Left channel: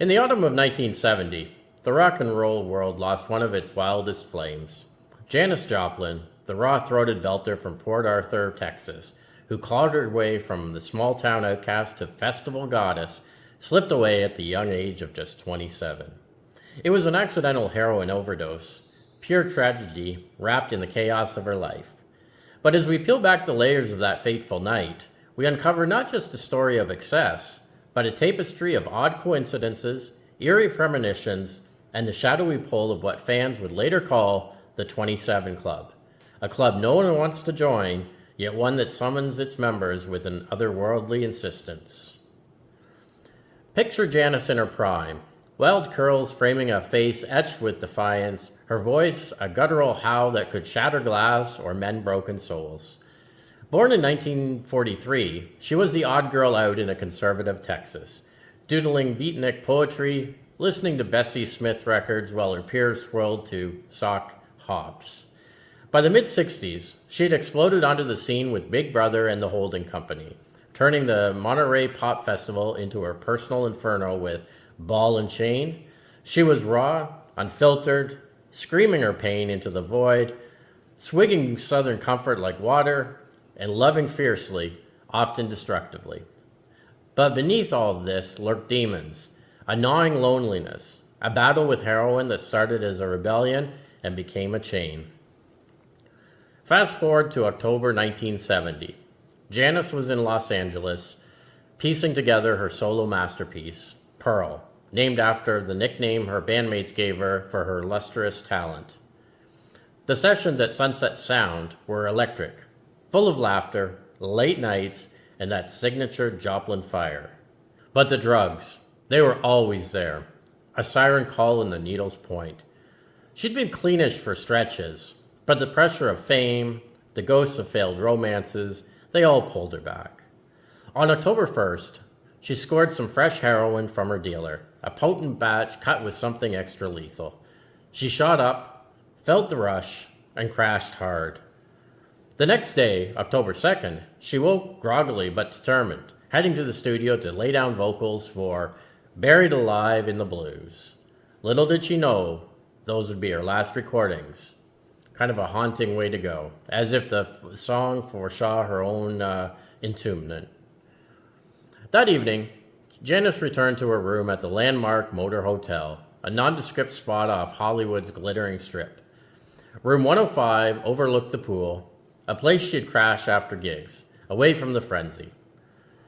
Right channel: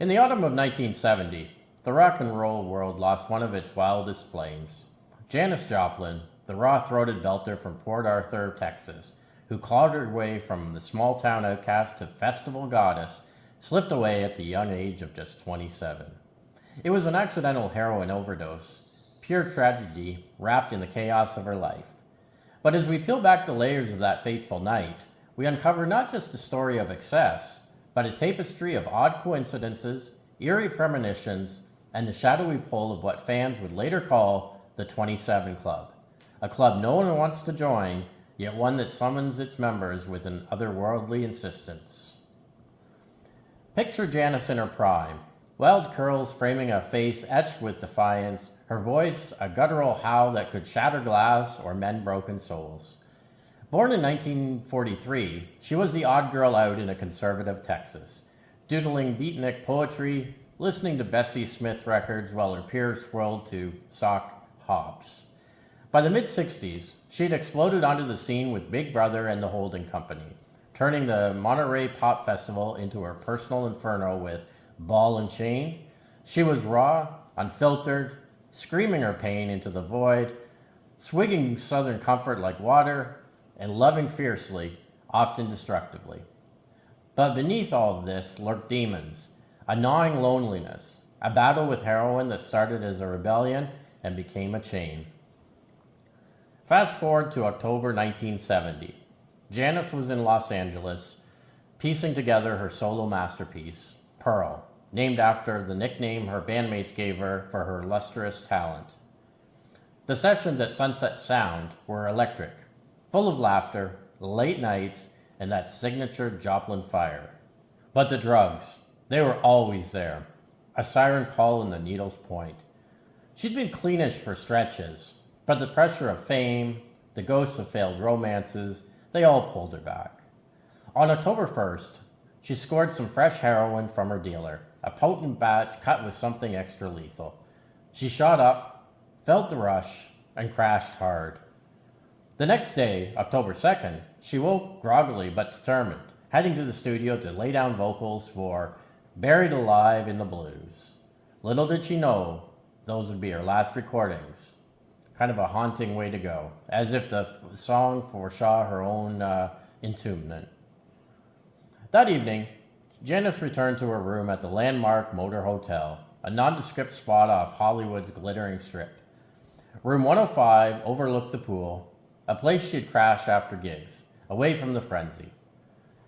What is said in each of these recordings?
In the autumn of 1970, the rock and roll world lost one of its wildest flames. Janis Joplin, the raw-throated belter from Port Arthur, Texas, who clawed her way from the small-town outcast to festival goddess, slipped away at the young age of just 27. It was an accidental heroin overdose, pure tragedy wrapped in the chaos of her life. But as we peel back the layers of that fateful night, we uncover not just a story of excess, but a tapestry of odd coincidences, eerie premonitions, and the shadowy pull of what fans would later call the 27 Club. A club no one wants to join, yet one that summons its members with an otherworldly insistence. Picture Janis in her prime, wild curls framing a face etched with defiance, her voice a guttural howl that could shatter glass or mend broken souls. Born in 1943, she was the odd girl out in a conservative Texas, doodling beatnik poetry, listening to Bessie Smith records while her peers twirled to sock hops. By the mid-60s, she had exploded onto the scene with Big Brother and the Holding Company, turning the Monterey Pop Festival into her personal inferno with Ball and Chain. She was raw, unfiltered, screaming her pain into the void, swigging Southern comfort like water, and loving fiercely, often destructively. But beneath all of this lurked demons, a gnawing loneliness, a battle with heroin that started as a rebellion and became a chain. Fast forward to October 1970. Janis was in Los Angeles, piecing together her solo masterpiece, Pearl, named after the nickname her bandmates gave her for her lustrous talent. The sessions at Sunset Sound were electric, full of laughter, late nights, and that signature Joplin fire. But the drugs, they were always there, a siren call in the needle's point. She'd been cleanish for stretches, but the pressure of fame, the ghosts of failed romances, they all pulled her back. On October 1st, she scored some fresh heroin from her dealer, a potent batch cut with something extra lethal. She shot up, felt the rush, and crashed hard. The next day, October 2nd, she woke groggily but determined, heading to the studio to lay down vocals for Buried Alive in the Blues. Little did she know those would be her last recordings. Kind of a haunting way to go, as if the song foresaw her own entombment. That evening, Janis returned to her room at the Landmark Motor Hotel, a nondescript spot off Hollywood's glittering strip. Room 105 overlooked the pool, a place she'd crash after gigs, away from the frenzy.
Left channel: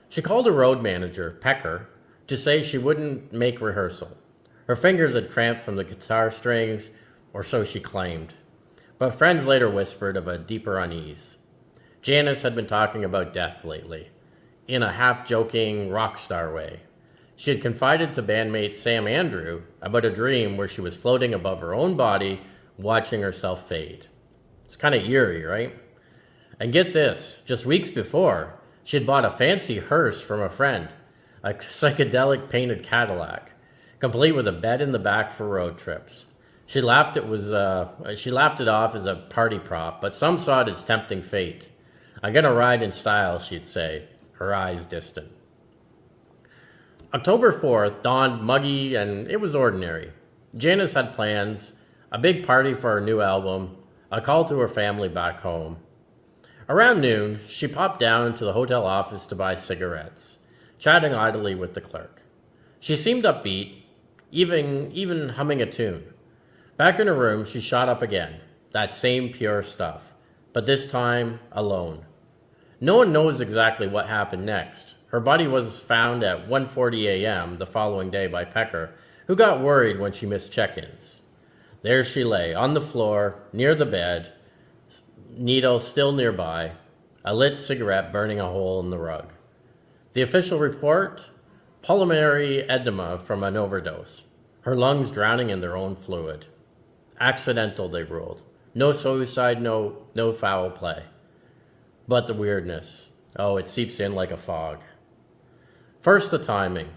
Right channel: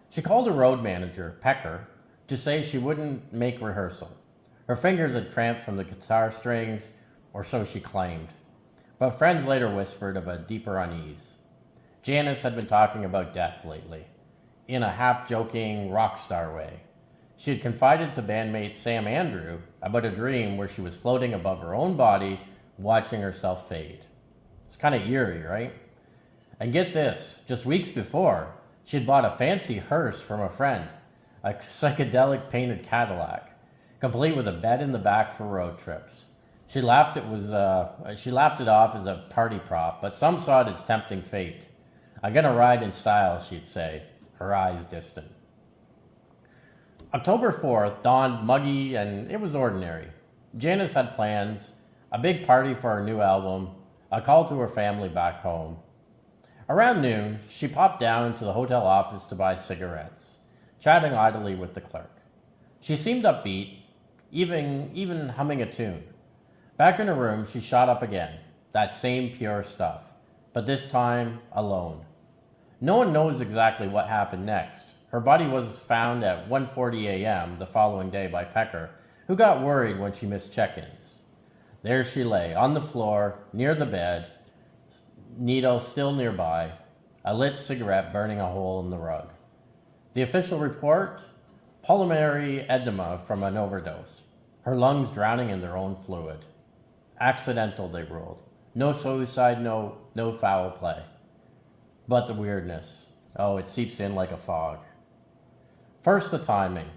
She called her road manager, Pecker, to say she wouldn't make rehearsal. Her fingers had cramped from the guitar strings, or so she claimed. But friends later whispered of a deeper unease. Janis had been talking about death lately, in a half-joking rock star way. She had confided to bandmate Sam Andrew about a dream where she was floating above her own body, watching herself fade. It's kind of eerie, right? And get this, just weeks before, she had bought a fancy hearse from a friend, a psychedelic painted Cadillac, complete with a bed in the back for road trips. She laughed it off as a party prop, but some saw it as tempting fate. I'm gonna ride in style, she'd say, her eyes distant. October 4th dawned muggy and it was ordinary. Janis had plans, a big party for her new album, a call to her family back home. Around noon, she popped down into the hotel office to buy cigarettes, chatting idly with the clerk. She seemed upbeat, even humming a tune. Back in her room, she shot up again, that same pure stuff, but this time alone. No one knows exactly what happened next. Her body was found at 1:40 a.m. the following day by Pecker, who got worried when she missed check-ins. There she lay, on the floor, near the bed, needle still nearby, a lit cigarette burning a hole in the rug. The official report? Pulmonary edema from an overdose, her lungs drowning in their own fluid. Accidental, they ruled. No suicide, no foul play. But the weirdness, it seeps in like a fog. First, the timing.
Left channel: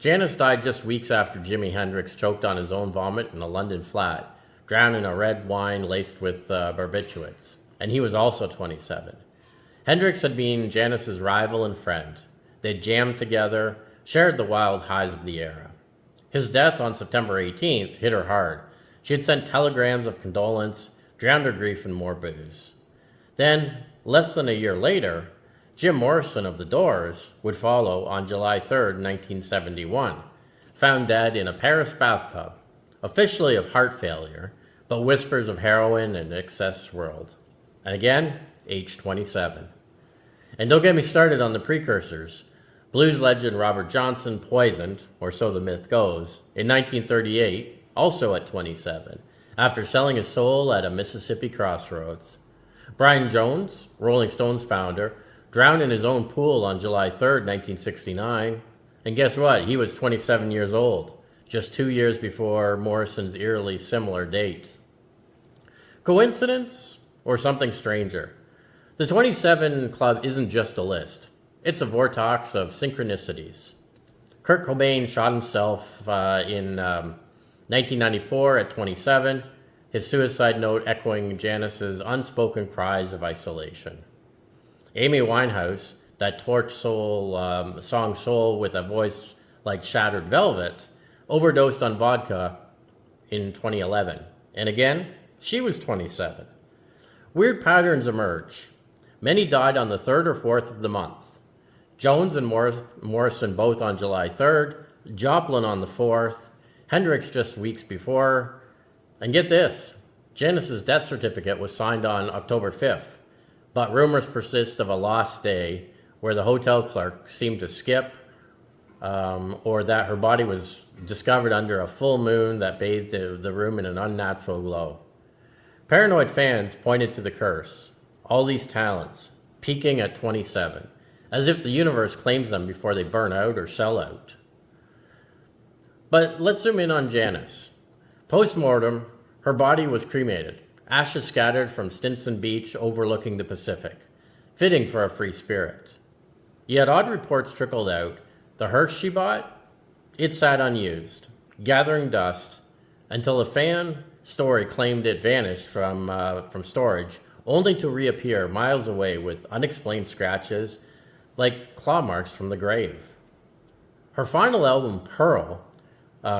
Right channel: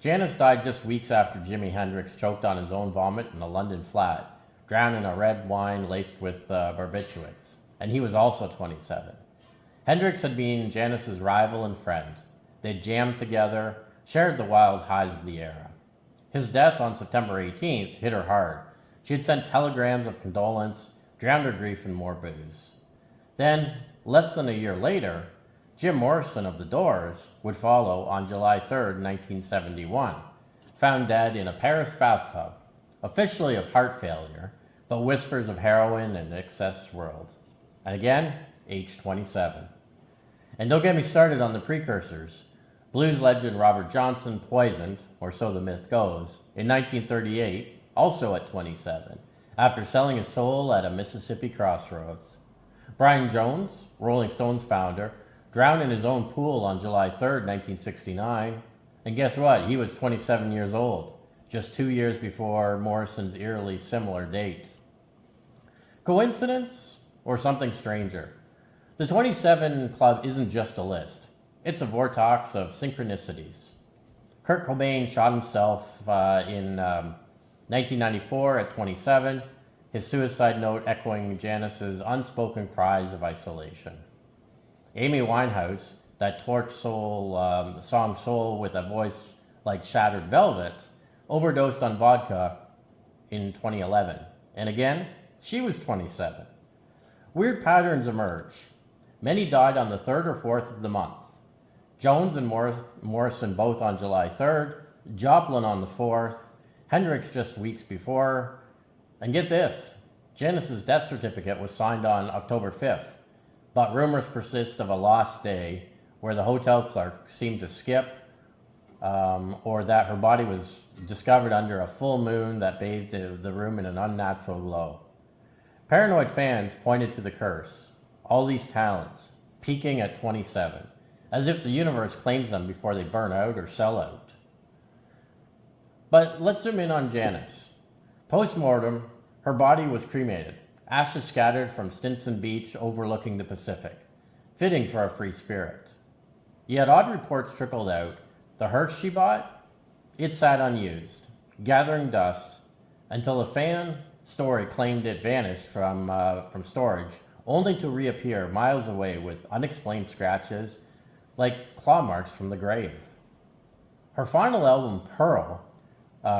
Janis died just weeks after Jimi Hendrix choked on his own vomit in a London flat, drowned in a red wine laced with barbiturates, and he was also 27. Hendrix had been Janis's rival and friend. They'd jammed together, shared the wild highs of the era. His death on September 18th hit her hard. She had sent telegrams of condolence, drowned her grief in more booze. Then, less than a year later, Jim Morrison of The Doors would follow on July 3rd, 1971, found dead in a Paris bathtub, officially of heart failure, but whispers of heroin and excess swirled. And again, age 27. And don't get me started on the precursors. Blues legend Robert Johnson poisoned, or so the myth goes, in 1938, also at 27, after selling his soul at a Mississippi crossroads. Brian Jones, Rolling Stones founder, drowned in his own pool on July 3rd, 1969. And guess what? He was 27 years old, just 2 years before Morrison's eerily similar date. Coincidence or something stranger? The 27 Club isn't just a list. It's a vortex of synchronicities. Kurt Cobain shot himself in 1994 at 27, his suicide note echoing Janis's unspoken cries of isolation. Amy Winehouse, that torch soul song Soul with a voice like shattered velvet, overdosed on vodka in 2011. And again, she was 27. Weird patterns emerge. Many died on the 3rd or 4th of the month. Jones and Morrison both on July 3rd, Joplin on the 4th, Hendrix just weeks before. And get this, Janis's death certificate was signed on October 5th, but rumors persist of a lost day where the hotel clerk seemed to skip, or that her body was discovered under a full moon that bathed the room in an unnatural glow. Paranoid fans pointed to the curse, all these talents, peaking at 27, as if the universe claims them before they burn out or sell out. But let's zoom in on Janis. Post-mortem, her body was cremated, ashes scattered from Stinson Beach overlooking the Pacific, fitting for a free spirit. Yet odd reports trickled out. The hearse she bought, it sat unused, gathering dust, until a fan story claimed it vanished from storage, only to reappear miles away with unexplained scratches, like claw marks from the grave. Her final album, Pearl,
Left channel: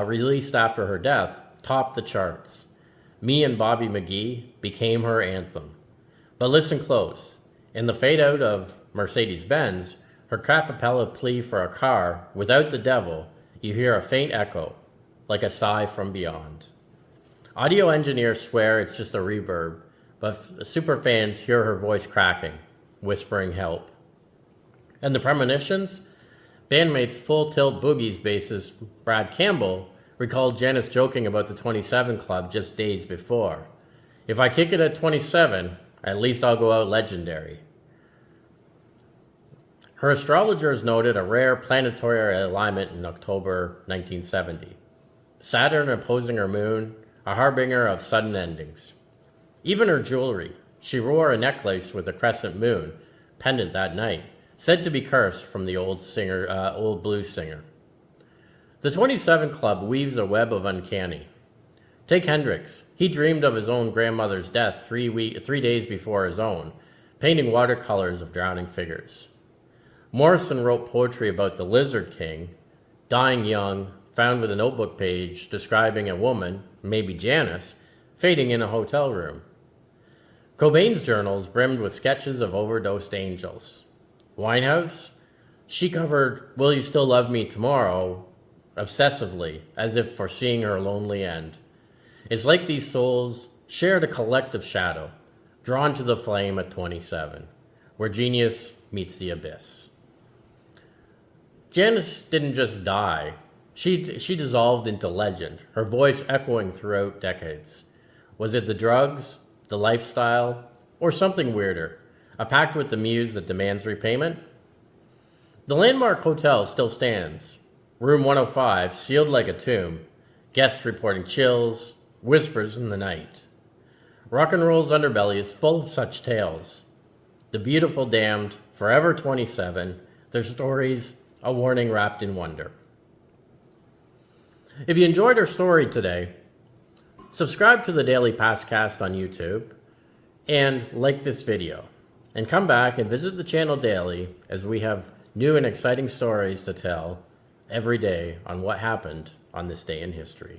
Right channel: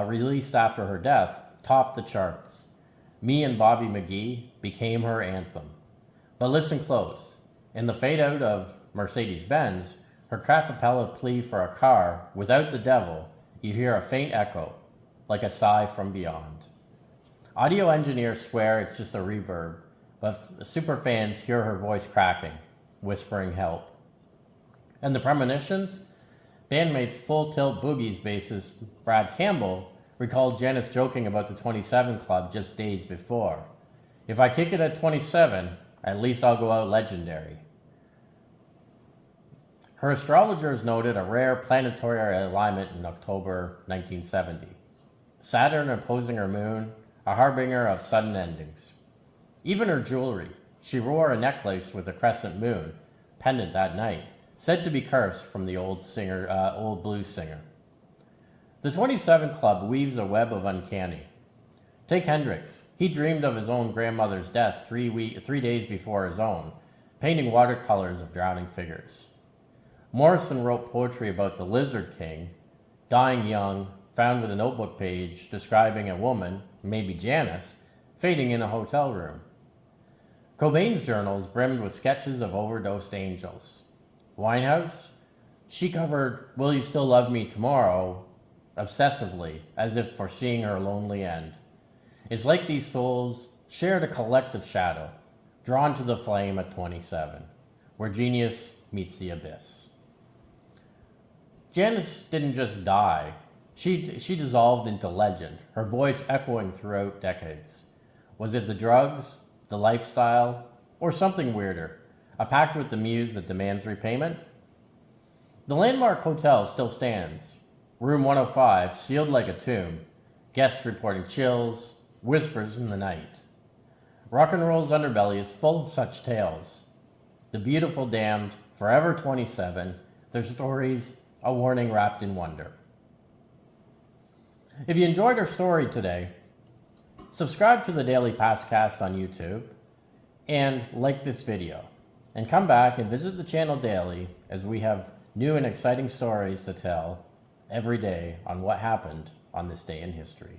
released after her death, topped the charts. Me and Bobby McGee became her anthem. But listen close. In the fade out of Mercedes-Benz, her capella plea for a car without the devil, you hear a faint echo, like a sigh from beyond. Audio engineers swear it's just a reverb, but superfans hear her voice cracking, whispering help. And the premonitions? Bandmates Full Tilt Boogie's bassist Brad Campbell recalled Janis joking about the 27 Club just days before. If I kick it at 27, at least I'll go out legendary. Her astrologers noted a rare planetary alignment in October 1970. Saturn opposing her moon, a harbinger of sudden endings. Even her jewelry, she wore a necklace with a crescent moon, pendant that night, said to be cursed from the old blues singer. The 27 Club weaves a web of uncanny. Take Hendrix. He dreamed of his own grandmother's death 3 days before his own, painting watercolors of drowning figures. Morrison wrote poetry about the Lizard King, dying young, found with a notebook page describing a woman, maybe Janis, fading in a hotel room. Cobain's journals brimmed with sketches of overdosed angels. Winehouse? She covered Will You Still Love Me Tomorrow obsessively, as if foreseeing her lonely end. It's like these souls shared a collective shadow, drawn to the flame at 27, where genius meets the abyss. Janis didn't just die. She dissolved into legend, her voice echoing throughout decades. Was it the drugs, the lifestyle, or something weirder? A pact with the muse that demands repayment? The landmark hotel still stands. Room 105, sealed like a tomb. Guests reporting chills, whispers in the night. Rock and roll's underbelly is full of such tales. The beautiful damned, forever 27, their stories, a warning wrapped in wonder. If you enjoyed our story today, subscribe to the Daily Pastcast on YouTube and like this video. And come back and visit the channel daily as we have new and exciting stories to tell every day on what happened on this day in history.